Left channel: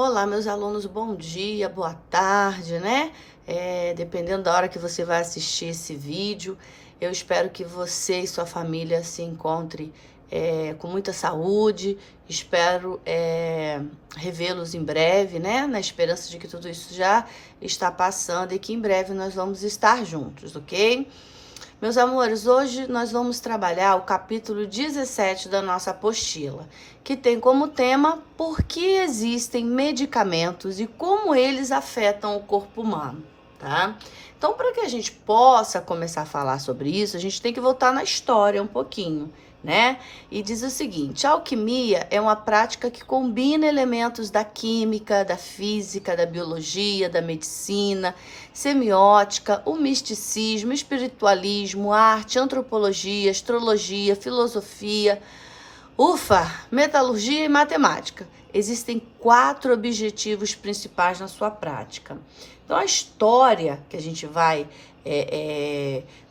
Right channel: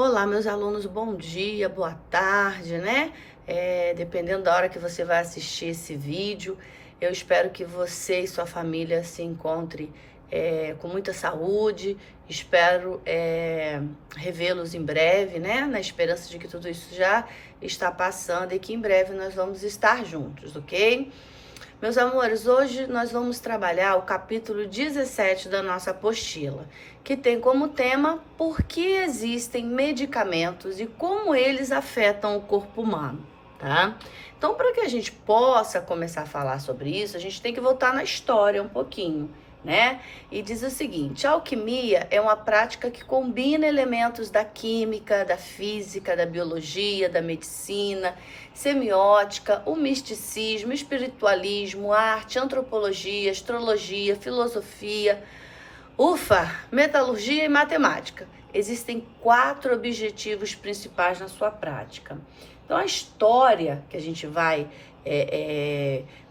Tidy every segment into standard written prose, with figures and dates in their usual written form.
Olá, meus alunos, bom dia, boa tarde, né? Dependendo da hora que você vai assistir esse vídeo, eu espero que você e sua família se encontrem com muita saúde. Espero revê-los em breve, né? Na esperança de que tudo isso já está passando e que em breve nós vamos estar juntos, ok? Meus amores, hoje nós vamos trabalhar o capítulo 17 da nossa apostila, que tem como tema por que existem medicamentos e como eles afetam o corpo humano, tá? Então, para que a gente possa começar a falar sobre isso, a gente tem que voltar na história um pouquinho, né? E diz o seguinte: a alquimia é uma prática que combina elementos da química, da física, da biologia, da medicina, semiótica, o misticismo, espiritualismo, arte, antropologia, astrologia, filosofia, metalurgia e matemática. Existem 4 objetivos principais na sua prática. Então, a história que a gente vai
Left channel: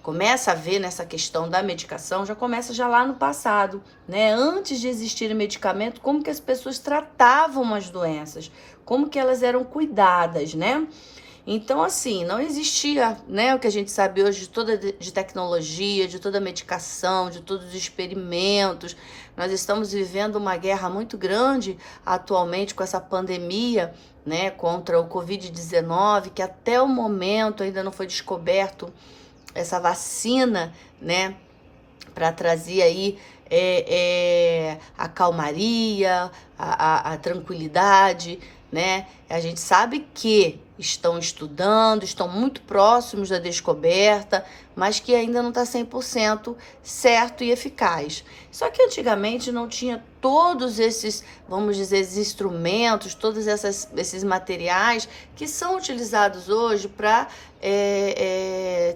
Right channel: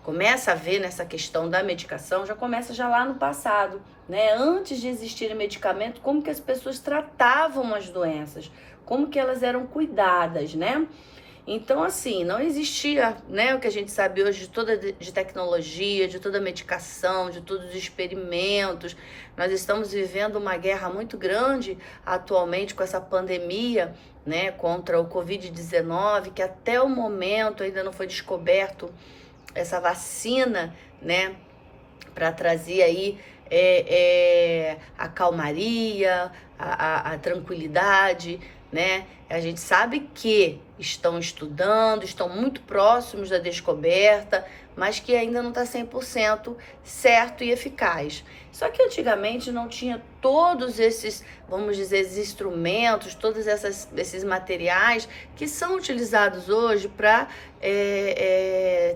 começa a ver nessa questão da medicação já começa já lá no passado, né? Antes de existir medicamento, como que as pessoas tratavam as doenças, como que elas eram cuidadas, né? Então, assim, não existia, né, o que a gente sabe hoje de tecnologia, de toda a medicação, de todos os experimentos. Nós estamos vivendo uma guerra muito grande atualmente com essa pandemia, né, contra o Covid-19, que até o momento ainda não foi descoberto essa vacina, né, para trazer aí a calmaria, a tranquilidade, né? A gente sabe que estão estudando, estão muito próximos da descoberta, mas que ainda não está 100% certo e eficaz. Só que antigamente não tinha todos esses, vamos dizer, esses instrumentos, todos esses materiais que são utilizados hoje para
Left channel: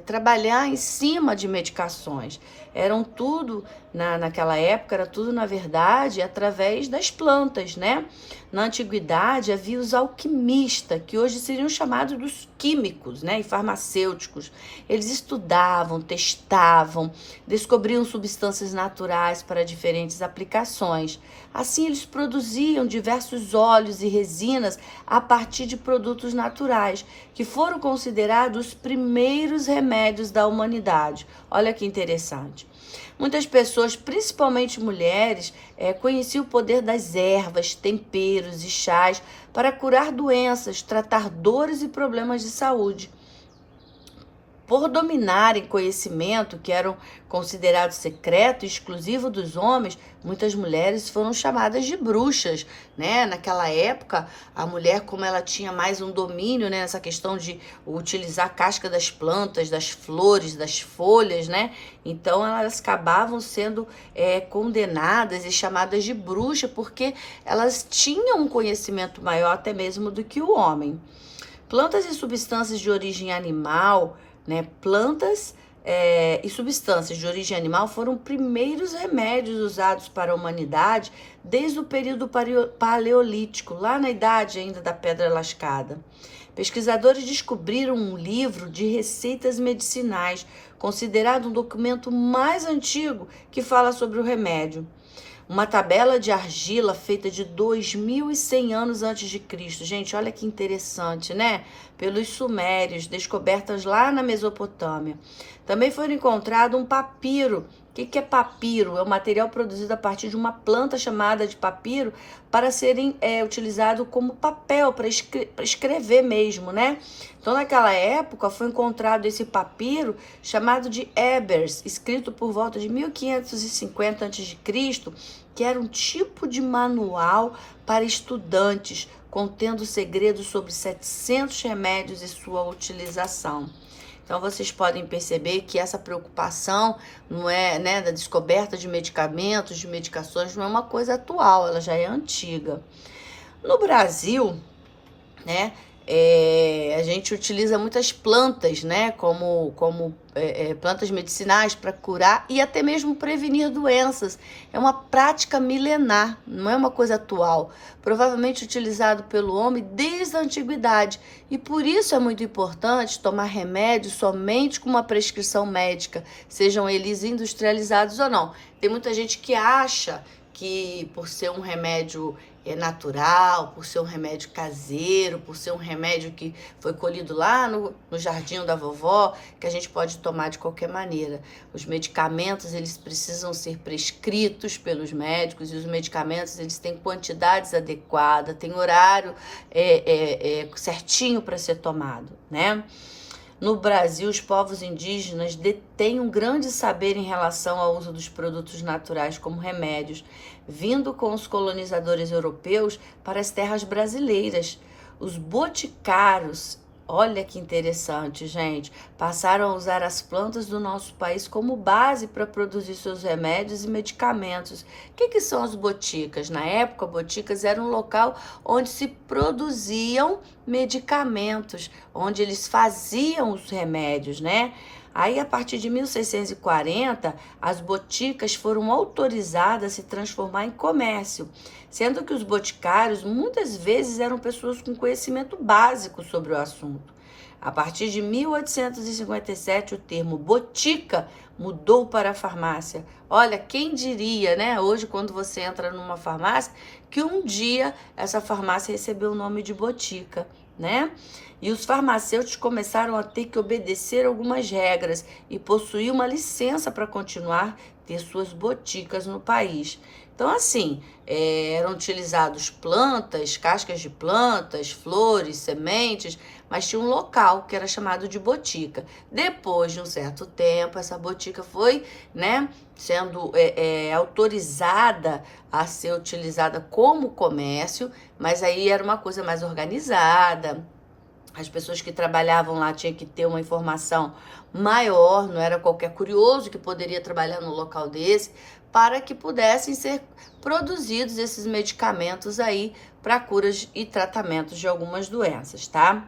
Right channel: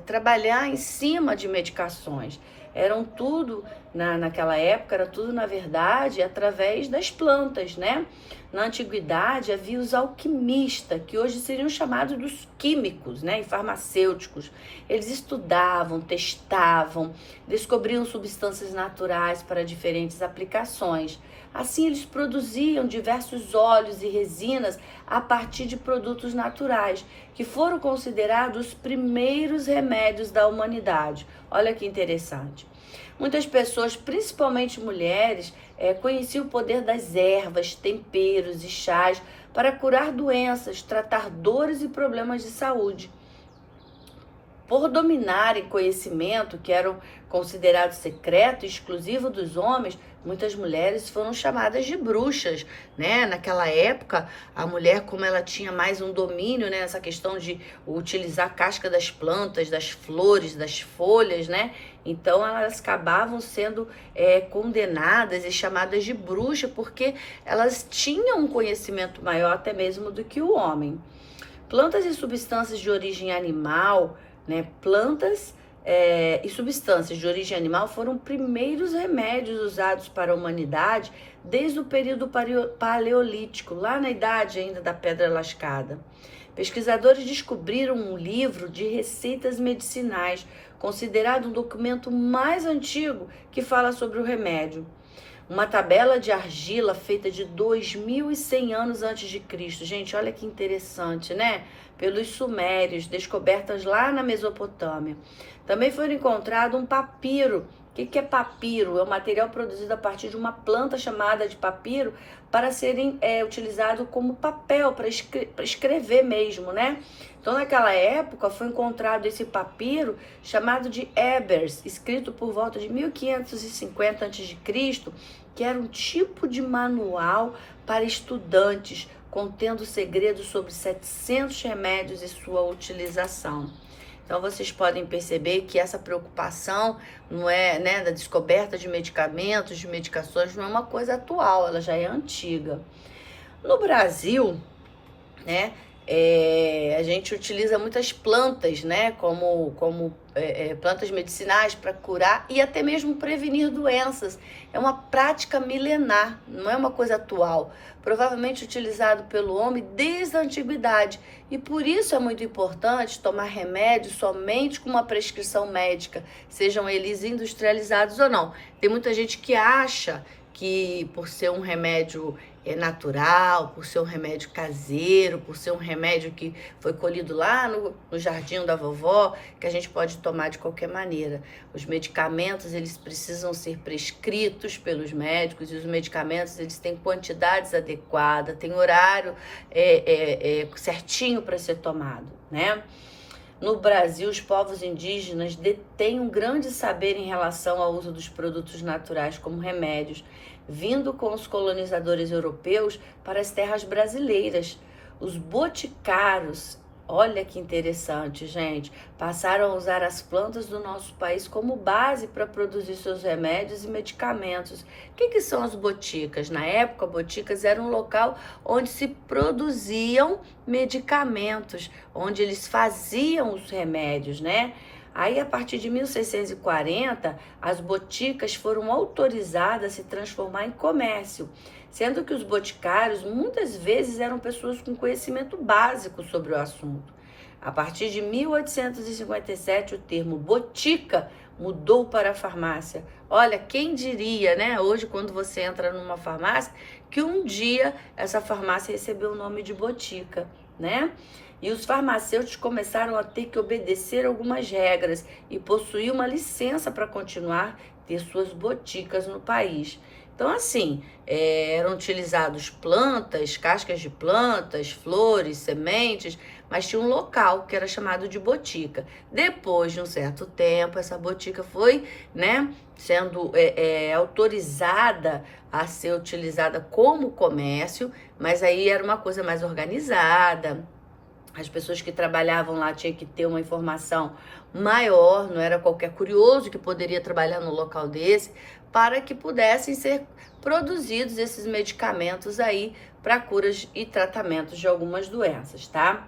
trabalhar em cima de medicações. Eram tudo, naquela época, era tudo, na verdade, através das plantas, né? Na antiguidade, havia os alquimistas, que hoje seriam chamados dos químicos, né? E farmacêuticos. Eles estudavam, testavam, descobriam substâncias naturais para diferentes aplicações. Assim, eles produziam diversos óleos e resinas a partir de produtos naturais, que foram considerados os primeiros remédios da humanidade. Olha que interessante. Muitas pessoas, principalmente mulheres, conheciam o poder das ervas, temperos e chás para curar doenças, tratar dores e problemas de saúde. Por dominarem conhecimento que eram considerados secreto e exclusivo dos homens, muitas mulheres foram chamadas de bruxas, né? Naquela época, a mulher, como ela tinha mais um domínio, né, nessa questão de utilizar a casca das plantas, das flores, das folhas, né? Então, elas acabavam sendo condenadas e chamadas de bruxa, porque elas tinham um conhecimento maior até mesmo do que o homem. Plantas e substâncias de origem animal, né? Plantas e substâncias de origem animal foram os primeiros remédios usados para a humanidade desde o período paleolítico, lá na idade ainda da pedra lascada. Pesquisadores descobriram um livro de receitas medicinais, considerado um documento mais antigo que fala sobre o remédio. Uma tabela de argila feita de 2.100 anos antes de Cristo. Gente, olha que interessante, né? Pelos sumérios, descobertas lá na Mesopotâmia. Também foi encontrado um papiro. O que é papiro? É um material produzido a partir de uma planta chamada de papiro para serem utilizado como papel, para escrever mesmo, né? Então, naquela época, foi encontrado esse papiro chamado de Ebers, escrito por volta de 1550 a.C., que era um tipo de manual para estudantes, contendo segredos sobre 700 remédios e sua utilização. Então, vocês podem perceber que essa preocupação não é, né, da descoberta de medicamentos, de medicações, não é uma coisa atual, ela já é antiga. No Brasil, né, a gente utiliza muitas plantas, né, como plantas medicinais para curar e até mesmo prevenir doenças. É uma prática milenar, não é uma coisa atual. Provavelmente utilizado pelo homem desde a antiguidade. E por isso é muito importante tomar remédio somente com uma prescrição médica, sejam eles industrializados ou não. Tem muita gente que acha que por ser um remédio natural, por ser um remédio caseiro, por ser um remédio que foi colhido lá no jardim da vovó, que a gente pode tomar de qualquer maneira. Os medicamentos, eles precisam ser prescritos pelos médicos, e os medicamentos, eles têm quantidades adequadas, têm horário certinho para ser tomado, né? No Brasil, os povos indígenas detêm um grande saber em relação ao uso dos produtos naturais como remédios, vindo com os colonizadores europeus para as terras brasileiras. Os boticários, olha que interessante, gente, passaram a usar as plantas do nosso país como base para produzir seus remédios e medicamentos. O que são as boticas? Na época, boticas era um local onde se produziam medicamentos, onde eles faziam os remédios, né? Aí, a partir de 1640, as boticas foram autorizadas a se transformar em comércio, sendo que os boticários muitas vezes eram pessoas com conhecimento básico sobre o assunto. A partir de 1857, o termo botica mudou para farmácia. Olha, quem diria, né? Hoje, quando você entra numa farmácia, que um dia essa farmácia recebeu o nome de botica, né? E os farmacêuticos começaram a ter que obedecer algumas regras e possuir uma licença para continuar ter suas boticas no país. Então, assim, eram utilizados plantas, cascas de plantas, flores, sementes, mas tinha um local que era chamado de botica. Depois de um certo tempo, essa botica foi, né, sendo autorizada a ser utilizada como comércio, mas aí era uma coisa mais organizada. As pessoas que trabalhavam lá tinham que ter uma informação maior, não era qualquer curioso que poderia trabalhar no local desse, para que pudessem ser produzidos esses medicamentos aí para curas e tratamentos de algumas doenças, tá?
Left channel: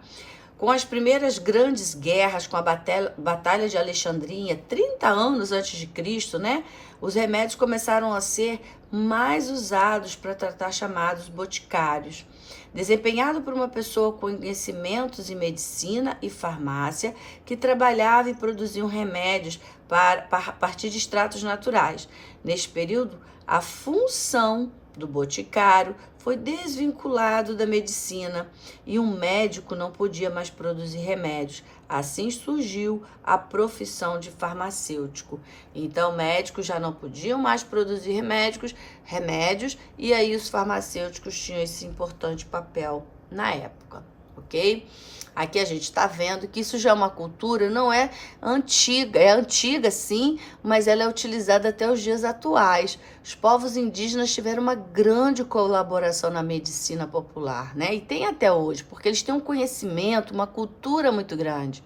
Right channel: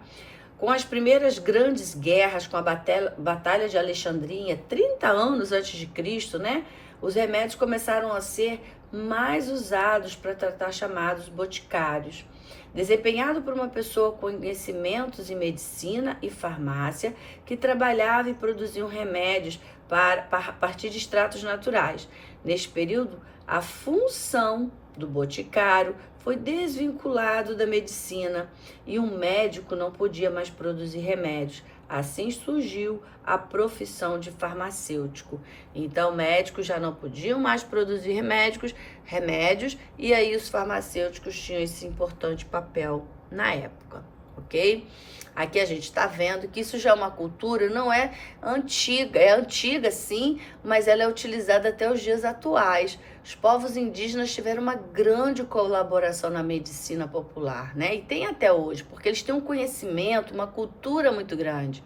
Com as primeiras grandes guerras, com a Batalha de Alexandria, 30 anos antes de Cristo, né? Os remédios começaram a ser mais usados para tratar chamados boticários. Desempenhado por uma pessoa com conhecimentos em medicina e farmácia, que trabalhava e produzia remédios a partir de extratos naturais. Neste período, a função do boticário foi desvinculado da medicina e um médico não podia mais produzir remédios. Assim surgiu a profissão de farmacêutico. Então, médicos já não podiam mais produzir remédios, e aí os farmacêuticos tinham esse importante papel na época, ok? Aqui a gente está vendo que isso já é uma cultura, não é antiga sim, mas ela é utilizada até os dias atuais. Os povos indígenas tiveram uma grande colaboração na medicina popular, né? E tem até hoje, porque eles têm um conhecimento, uma cultura muito grande.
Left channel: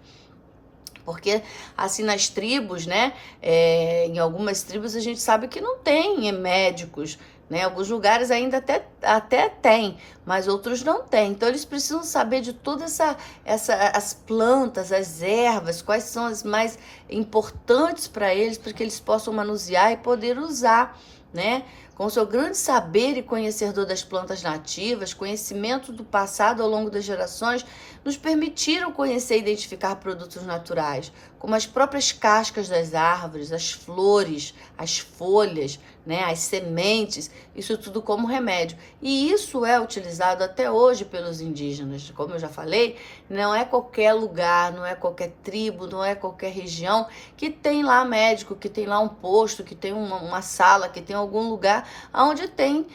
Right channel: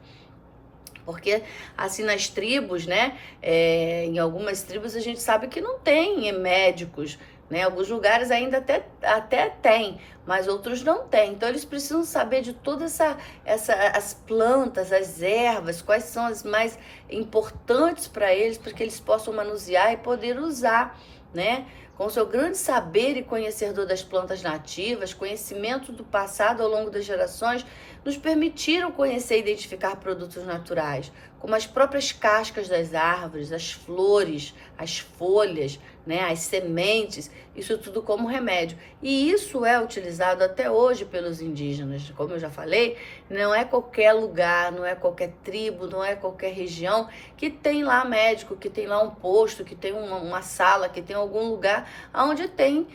Porque, assim, nas tribos, né, em algumas tribos a gente sabe que não tem médicos, né? Alguns lugares ainda até tem, mas outros não tem. Então, eles precisam saber de todas as plantas, as ervas, quais são as mais importantes para que eles possam manusear e poder usar, né? Com seu grande saber e conhecedor das plantas nativas, conhecimento do passado ao longo das gerações, nos permitiram conhecer e identificar produtos naturais, como as próprias cascas das árvores, as flores, as folhas, né, as sementes, isso tudo como remédio. E isso é utilizado até hoje pelos indígenas. Como eu já falei, não é qualquer lugar, não é qualquer tribo, não é qualquer região que tem lá médico, que tem lá um posto, que tem uma sala, que tem algum lugar onde tem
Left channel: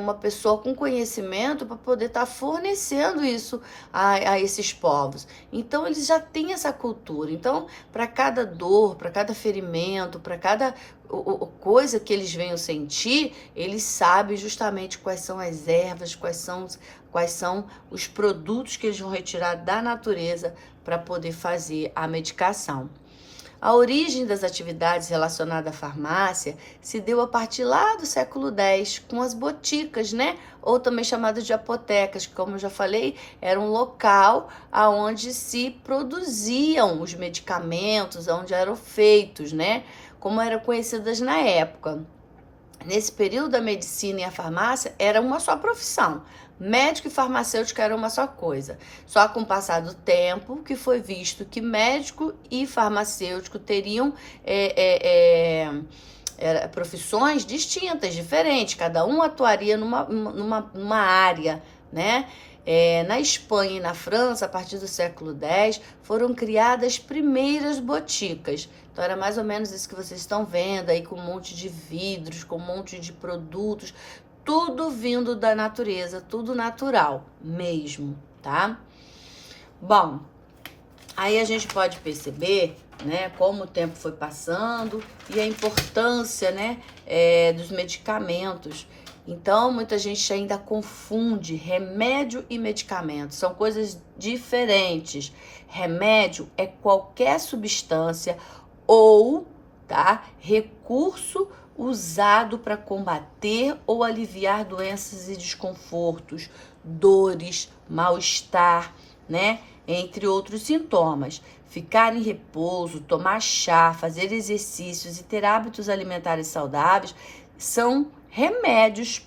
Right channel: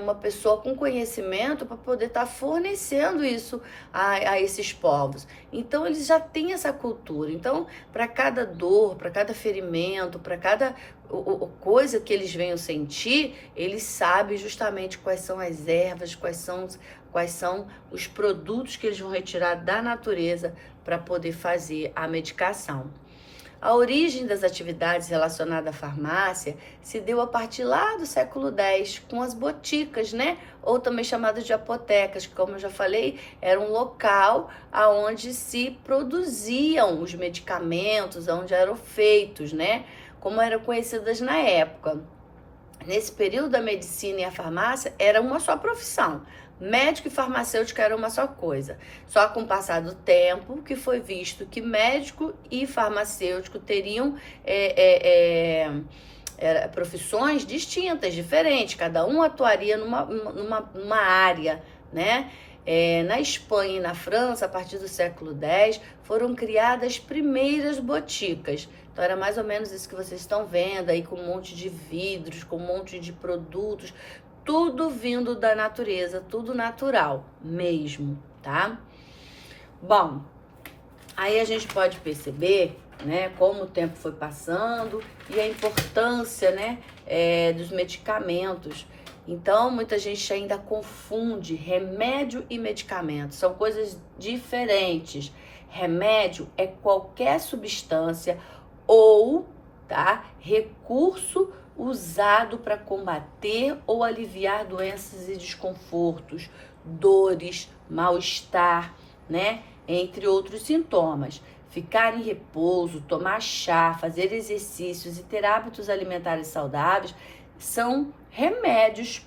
uma pessoa com conhecimento para poder estar fornecendo isso a esses povos. Então, eles já têm essa cultura. Então, para cada dor, para cada ferimento, para cada coisa que eles venham sentir, eles sabem justamente quais são as ervas, quais são os produtos que eles vão retirar da natureza para poder fazer a medicação. A origem das atividades relacionadas à farmácia se deu a partir lá do século X, com as boticas, né? Ou também chamadas de apotecas, que, como eu já falei, era um local onde se produziam os medicamentos, onde eram feitos, né? Como eram conhecidas na época. Nesse período, a medicina e a farmácia era uma só profissão. Médico e farmacêutico era uma só coisa. Só com o passar do tempo que foi visto que médico e farmacêutico teriam profissões distintas, diferentes, cada um atuaria numa área, né? Na Espanha e na França, a partir do século X, foram criadas as primeiras boticas. Então era mais ou menos isso que vocês estão vendo aí, com um monte de vidros, com um monte de produtos, tudo vindo da natureza, tudo natural mesmo, tá? Bom, aí a gente pode perceber, né, como o tempo foi passando e a importância, né, dos medicamentos. Então, muita gente ainda confunde remédio e medicamento, são coisas diferentes. Remédio é qualquer substância ou, tá, recurso usado para combater ou aliviar doenças e desconfortos, dores, mal-estar, né, entre outros sintomas. Ficar em repouso, tomar chá, fazer exercícios e ter hábitos alimentares saudáveis são remédios.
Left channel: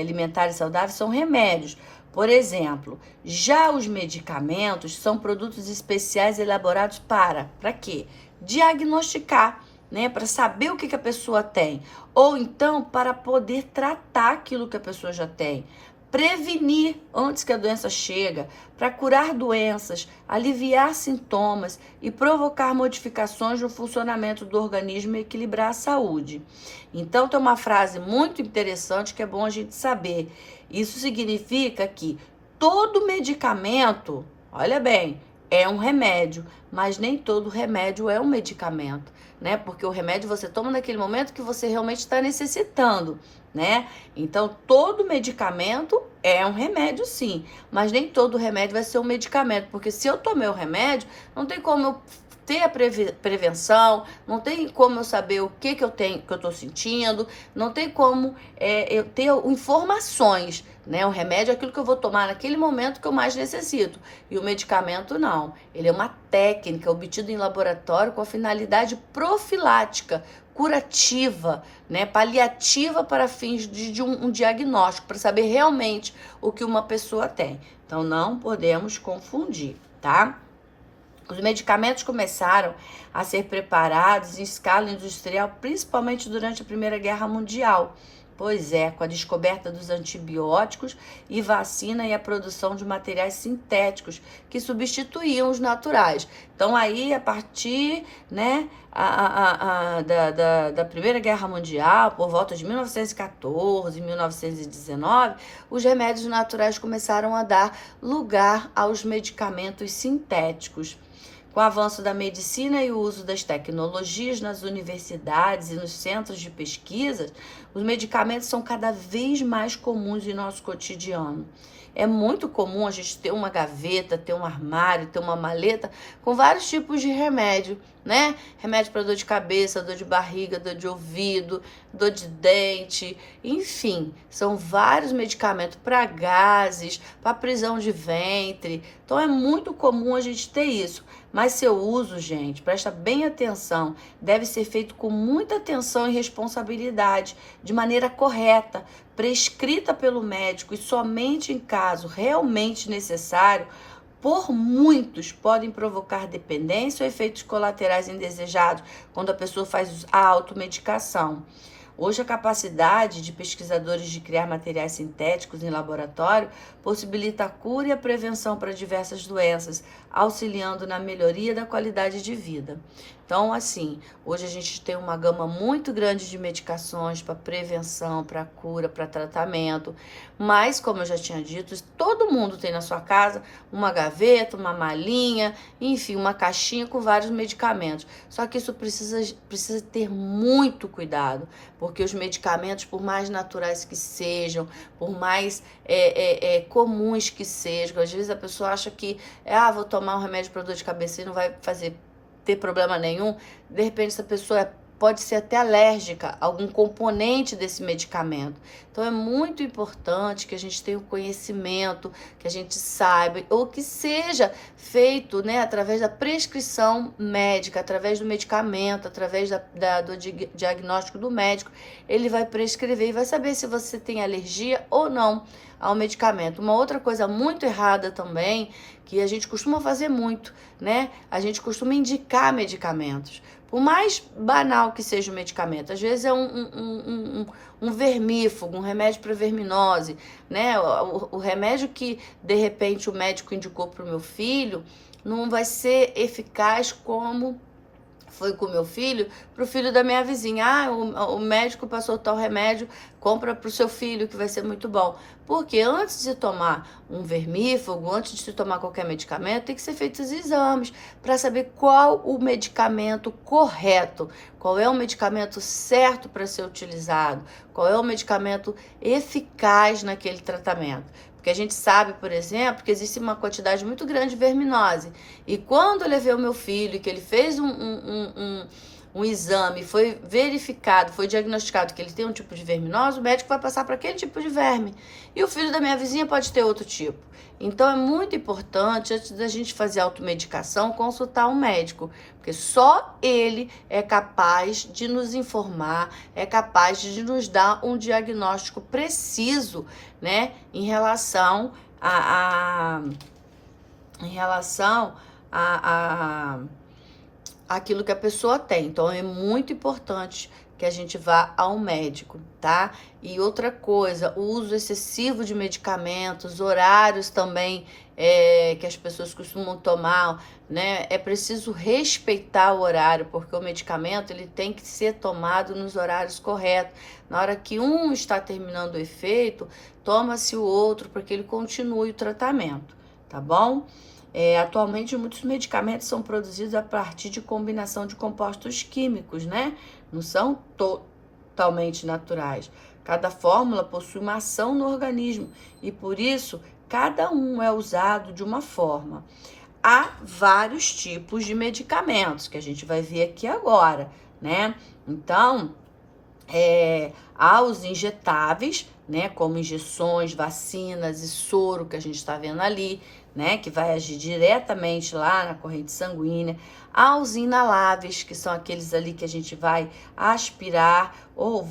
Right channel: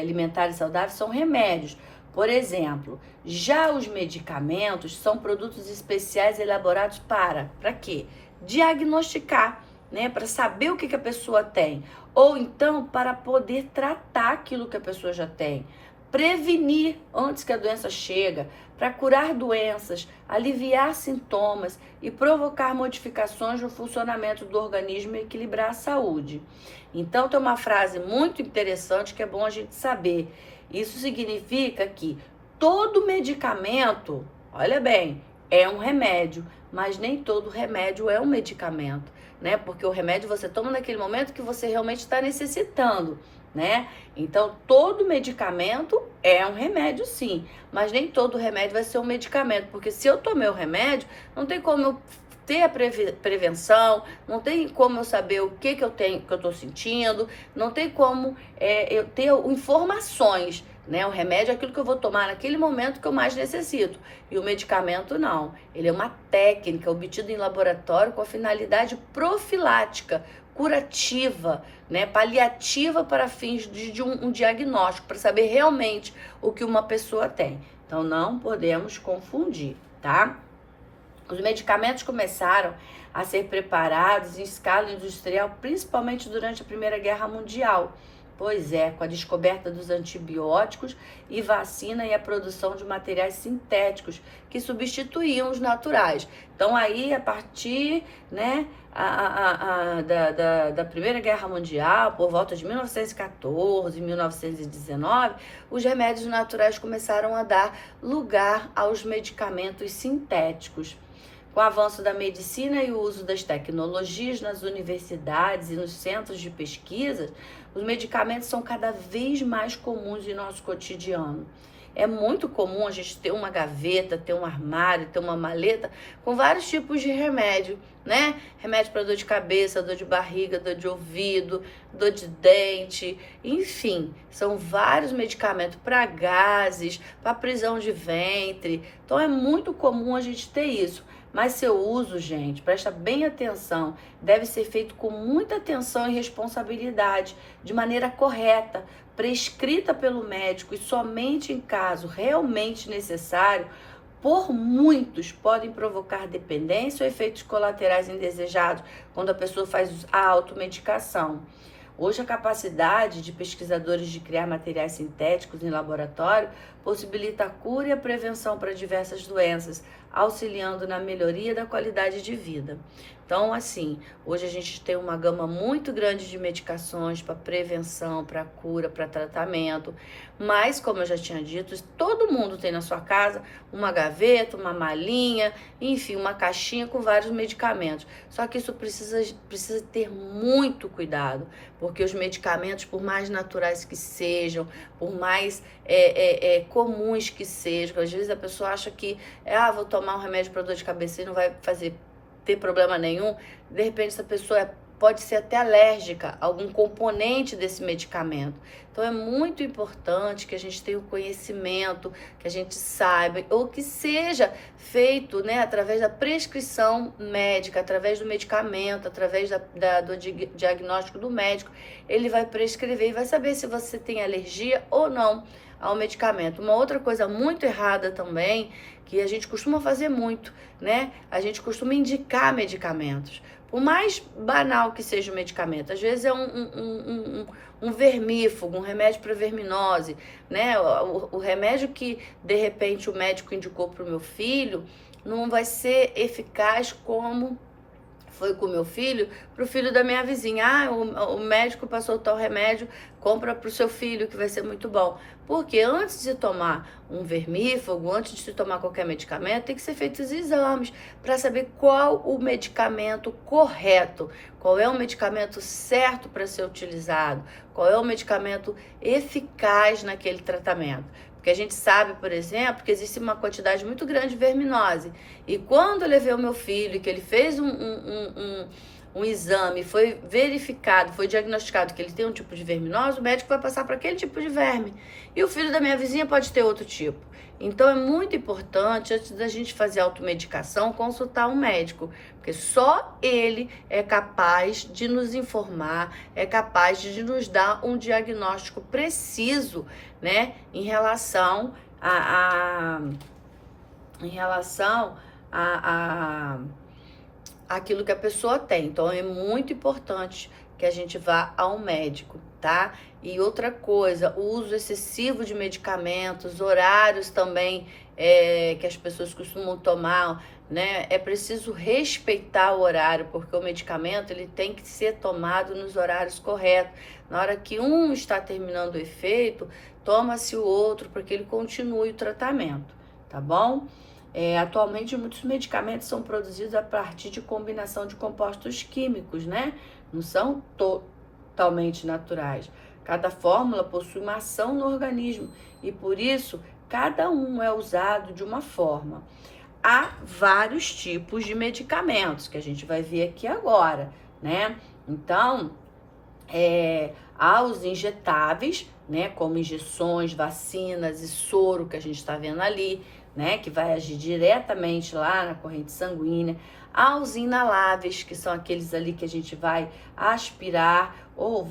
Alimentares saudáveis são remédios. Por exemplo, já os medicamentos são produtos especiais elaborados para quê? Diagnosticar, né? Para saber o que a pessoa tem. Ou então para poder tratar aquilo que a pessoa já tem. Prevenir antes que a doença chega, para curar doenças, aliviar sintomas e provocar modificações no funcionamento do organismo e equilibrar a saúde. Então tem uma frase muito interessante que é bom a gente saber. Isso significa que todo medicamento, olha bem, é um remédio, mas nem todo remédio é um medicamento, né? Porque o remédio você toma naquele momento que você realmente está necessitando, né? Então, todo medicamento é um remédio, sim, mas nem todo remédio vai ser um medicamento, porque se eu tomei o remédio, não tem como eu ter a prevenção, não tem como eu saber o que eu tenho, que eu tô sentindo, não tem como eu ter informações, né? O remédio é aquilo que eu vou tomar naquele momento que eu mais necessito, e o medicamento não. Ele é uma técnica obtida em laboratório com a finalidade profilática, curativa, né, paliativa para fins de um diagnóstico, para saber realmente o que uma pessoa tem. Então não podemos confundir, tá? Os medicamentos começaram a ser preparados em escala industrial, principalmente durante a Primeira Guerra Mundial. Pois é, com a descoberta dos antibióticos e vacina e a produção de materiais sintéticos que substituíam os naturais. Então aí, a partir, né, da Primeira Guerra Mundial, por volta de 1914, 1919, os remédios naturais começaram a dar lugar aos medicamentos sintéticos. Com o avanço da medicina e o uso das tecnologias nas universidades e nos centros de pesquisa, os medicamentos são cada vez mais comuns em nosso cotidiano. É muito comum a gente ter uma gaveta, ter um armário, ter uma maleta com vários tipos de remédio, né? Remédio para dor de cabeça, dor de barriga, dor de ouvido, dor de dente, enfim, são vários medicamentos para gases, para prisão de ventre. Então é muito comum a gente ter isso. Mas seu uso, gente, presta bem atenção, deve ser feito com muita atenção e responsabilidade, de maneira correta, prescrita pelo médico e somente em caso realmente necessário. Por muitos podem provocar dependência ou efeitos colaterais indesejados quando a pessoa faz a automedicação. Hoje, a capacidade de pesquisadores de criar materiais sintéticos em laboratório possibilita a cura e a prevenção para diversas doenças, auxiliando na melhoria da qualidade de vida. Então, assim, hoje a gente tem uma gama muito grande de medicações para prevenção, para cura, para tratamento, mas, como eu já tinha dito, todo mundo tem na sua casa uma gaveta, uma malinha, enfim, uma caixinha com vários medicamentos. Só que isso precisa ter muito cuidado, porque os medicamentos, por mais naturais que sejam, por mais comuns que sejam, às vezes a pessoa acha que, vou tomar um remédio para dor de cabeça e não vai ter problema nenhum. De repente essa pessoa pode ser até alérgica a algum componente desse medicamento. Então é muito importante que a gente tenha o conhecimento, que a gente saiba, ou que seja feito, né, através da prescrição médica, através do medicamento, através do diagnóstico do médico. Ele vai prescrever e vai saber se você tem alergia ou não ao medicamento. Uma outra coisa muito errada também, que a gente costuma fazer muito, né? A gente costuma indicar medicamentos. Por mais banal que seja o medicamento, às vezes é um vermífugo, um remédio para verminose, né? O remédio que, de repente, o médico indicou para o meu filho não vai ser eficaz como foi com o meu filho, pro filho da minha vizinha. Ah, o médico passou tal remédio, compra pro seu filho que vai ser muito bom. Porque antes de tomar um vermífugo, antes de tomar qualquer medicamento, tem que ser feitos exames para saber qual o medicamento correto, qual é o medicamento certo para ser utilizado, qual é o medicamento eficaz naquele tratamento. Porque a gente sabe, por exemplo, que existe uma quantidade muito grande de verminose. E quando eu levei o meu filho, que ele fez um exame, foi verificado, foi diagnosticado que ele tem um tipo de verminose, o médico vai passar para aquele tipo de verme. E o filho da minha vizinha pode ter outro tipo. Então é muito importante, antes da gente fazer automedicação, consultar um médico, porque só ele é capaz de nos informar, é capaz de nos dar um diagnóstico preciso, né, em relação a aquilo que a pessoa tem. Então é muito importante que a gente vá ao médico, tá? E outra coisa, o uso excessivo de medicamentos, horários também que as pessoas costumam tomar, né? É preciso respeitar o horário, porque o medicamento ele tem que ser tomado nos horários corretos. Na hora que um está terminando o efeito, toma-se o outro para que ele continue o tratamento, tá bom? Atualmente, muitos medicamentos são produzidos a partir de combinação de compostos químicos, né? Não são totalmente naturais. Cada fórmula possui uma ação no organismo e, por isso, cada um é usado de uma forma. Há vários tipos de medicamentos que a gente vai ver aqui agora, né? Então, há os injetáveis, né? Como injeções, vacinas e soro que a gente está vendo ali, né, que vai agir diretamente lá na corrente sanguínea, aos inaláveis, que são aqueles ali que a gente vai aspirar ou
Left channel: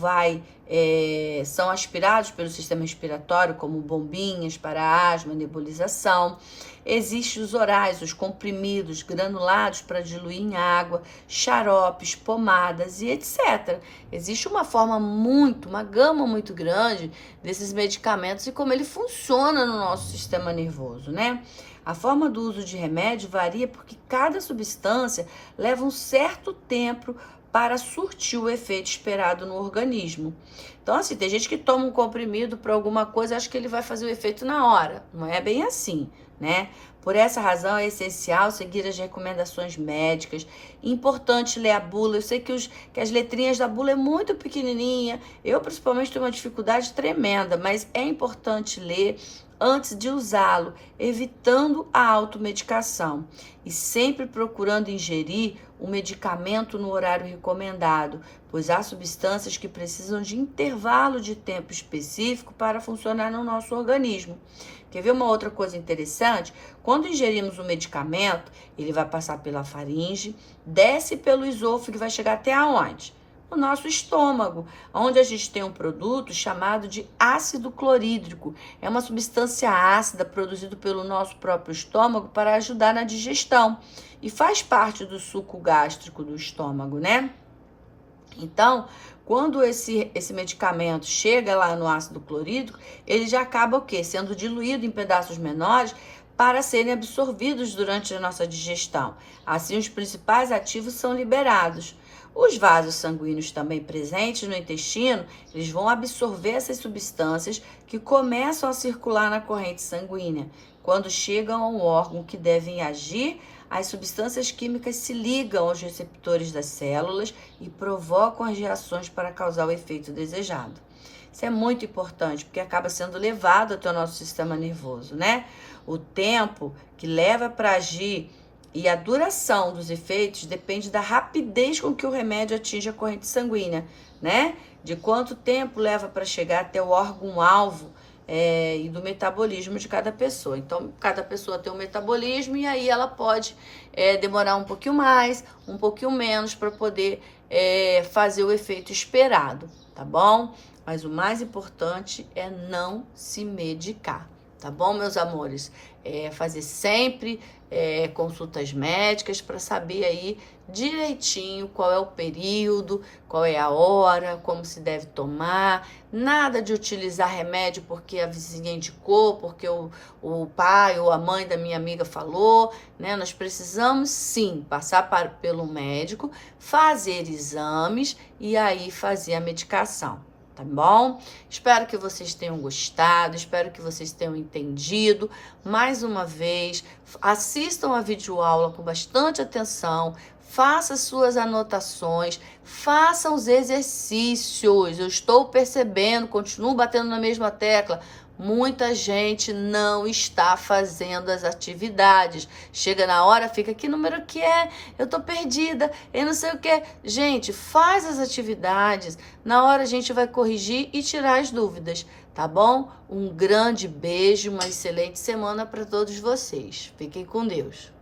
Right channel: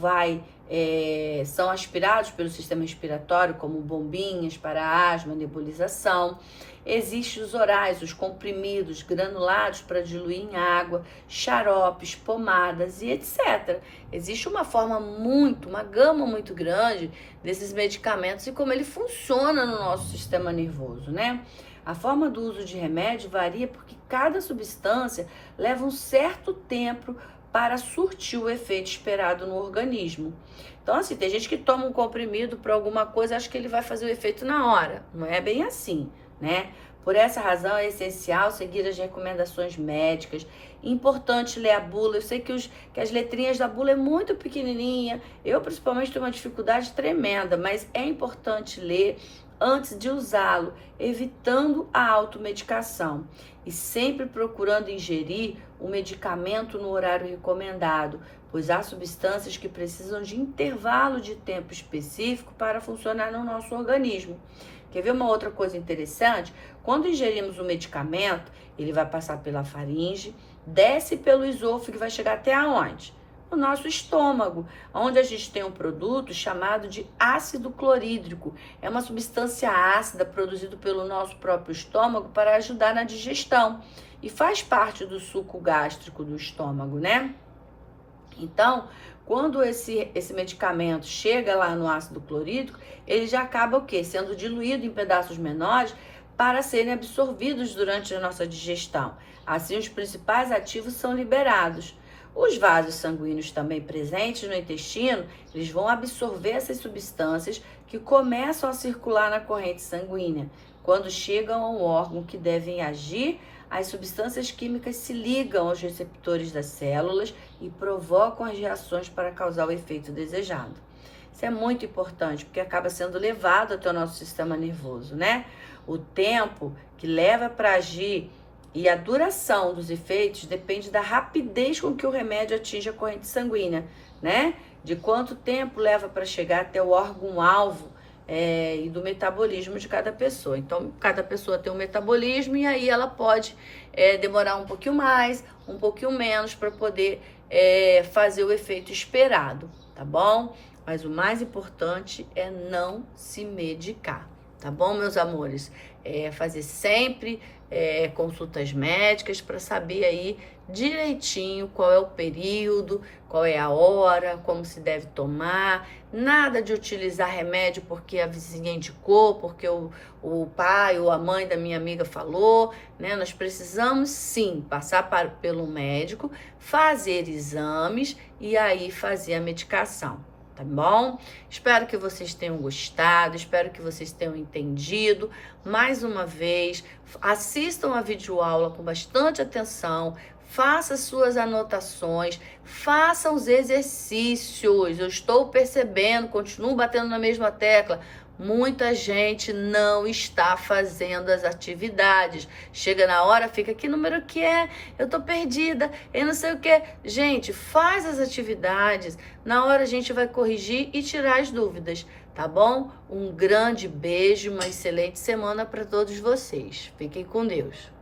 são aspirados pelo sistema respiratório, como bombinhas para asma, nebulização. Existem os orais, os comprimidos, granulados para diluir em água, xaropes, pomadas e etc. Existe uma gama muito grande desses medicamentos e como ele funciona no nosso sistema nervoso, né? A forma do uso de remédio varia porque cada substância leva um certo tempo para surtir o efeito esperado no organismo. Então, assim, tem gente que toma um comprimido para alguma coisa, acha que ele vai fazer o efeito na hora. Não é bem assim, né? Por essa razão, é essencial seguir as recomendações médicas. Importante ler a bula. Eu sei que as letrinhas da bula é muito pequenininha. Eu, principalmente, tenho uma dificuldade tremenda, mas é importante ler antes de usá-lo, evitando a automedicação e sempre procurando ingerir o medicamento no horário recomendado, pois há substâncias que precisam de intervalo de tempo específico para funcionar no nosso organismo. Quer ver uma outra coisa interessante? Quando ingerimos o medicamento, ele vai passar pela faringe, desce pelo esôfago e vai chegar até aonde? No nosso estômago, onde a gente tem um produto chamado de ácido clorídrico. É uma substância ácida produzida pelo nosso próprio estômago para ajudar na digestão e faz parte do suco gástrico do estômago, né? Então, quando esse medicamento chega lá no ácido clorídrico, ele já acaba o quê? Sendo diluído em pedaços menores para serem absorvidos durante a nossa digestão. Assim, os principais ativos são liberados. Os vasos sanguíneos também presentes no intestino, eles vão absorver essas substâncias que começam a circular na corrente sanguínea. Quando chegam a um órgão que devem agir, as substâncias químicas se ligam aos receptores das células e provocam as reações para causar o efeito desejado. Isso é muito importante, porque acaba sendo levado até o nosso sistema nervoso, né? O tempo que leva para agir e a duração dos efeitos depende da rapidez com que o remédio atinge a corrente sanguínea, né? De quanto tempo leva para chegar até o órgão-alvo e do metabolismo de cada pessoa. Então, cada pessoa tem um metabolismo e aí ela pode demorar um pouquinho mais, um pouquinho menos para poder fazer o efeito esperado, tá bom? Mas o mais importante é não se medicar, tá bom, meus amores? Fazer sempre consultas médicas para saber aí direitinho qual é o período, qual é a hora, como se deve tomar. Nada de utilizar remédio porque a vizinha indicou, porque o pai ou a mãe da minha amiga falou, né? Nós precisamos sim passar pelo médico, fazer exames e aí fazer a medicação. Tá bom? Espero que vocês tenham gostado, espero que vocês tenham entendido. Mais uma vez, assistam a videoaula com bastante atenção, faça suas anotações, faça os exercícios. Eu estou percebendo, continuo batendo na mesma tecla, muita gente não está fazendo as atividades. Chega na hora, fica, que número que é? Eu tô perdida, eu não sei o que. Gente, faz as atividades. Na hora a gente vai corrigir e tirar as dúvidas, tá bom? Um grande beijo, uma excelente semana para todos vocês. Fiquem com Deus.